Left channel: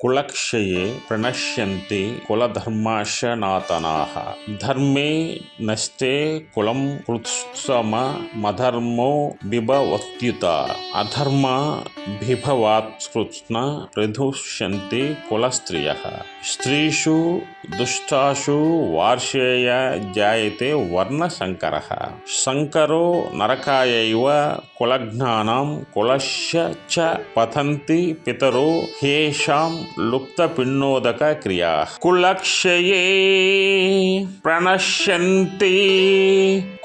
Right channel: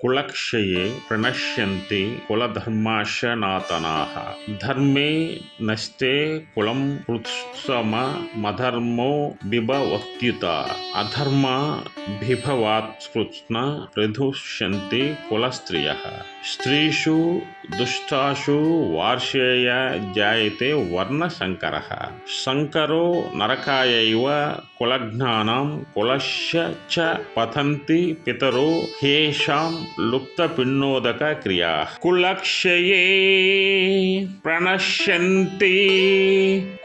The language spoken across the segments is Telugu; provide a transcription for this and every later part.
కులక్షయే ప్రణశ్యంతి కులధర్మాశనాతనాః ధర్మే నస్తే కులం కృత్సమధర్మో బిభవత్యుత అధర్మ బిభవాత్కృత్స్న ప్రదుష్యంతి కులస్త్రియః స్త్రీషు దుష్టాషు వార్షేయ జాయతే వర్ణశంకరః శంకరో నరకాయైవ కులజ్ఞానాం కులస్య చ పతంతి పితరో హేషాం లుప్తపిన్నోదక క్రియా కులక్షయే ప్రణశ్యంతి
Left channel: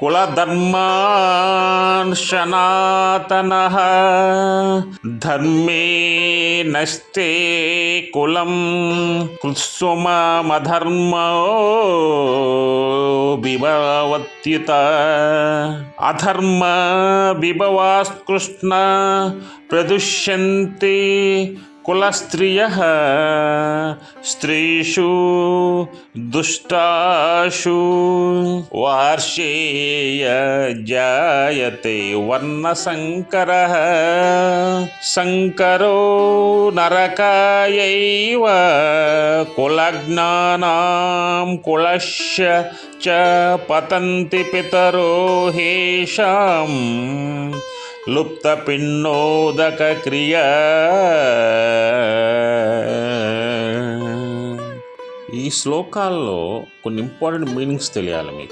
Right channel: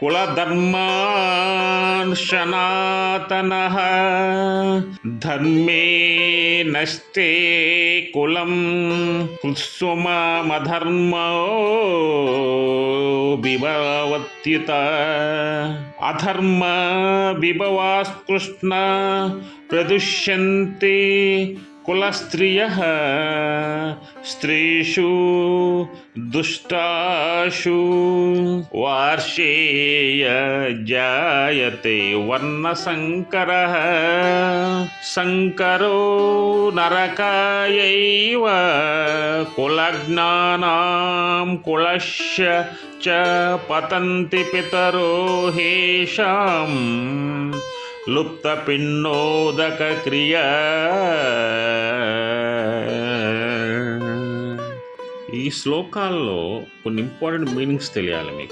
కులధర్మాన్ సనాతనః ధర్మే నస్తే కులం కుత్సుమధర్మో బిభవత్యుత అధర్మ బిభవాత్కృష్ణ ప్రదుష్యంతి కులస్త్రియః స్త్రీషు దుష్టాషు వార్షేయ జాయతే వర్ణశంకరః శంకరో నరకాయైవ కులజ్ఞానాం కులస్య చ పతంతి పితరో హేషాం లుప్తపిన్నోదక క్రియా. ఈ శ్లోకాల్లో కొన్ని ఇంపార్టెంట్ మీనింగ్స్ తెలియాలి మీకు.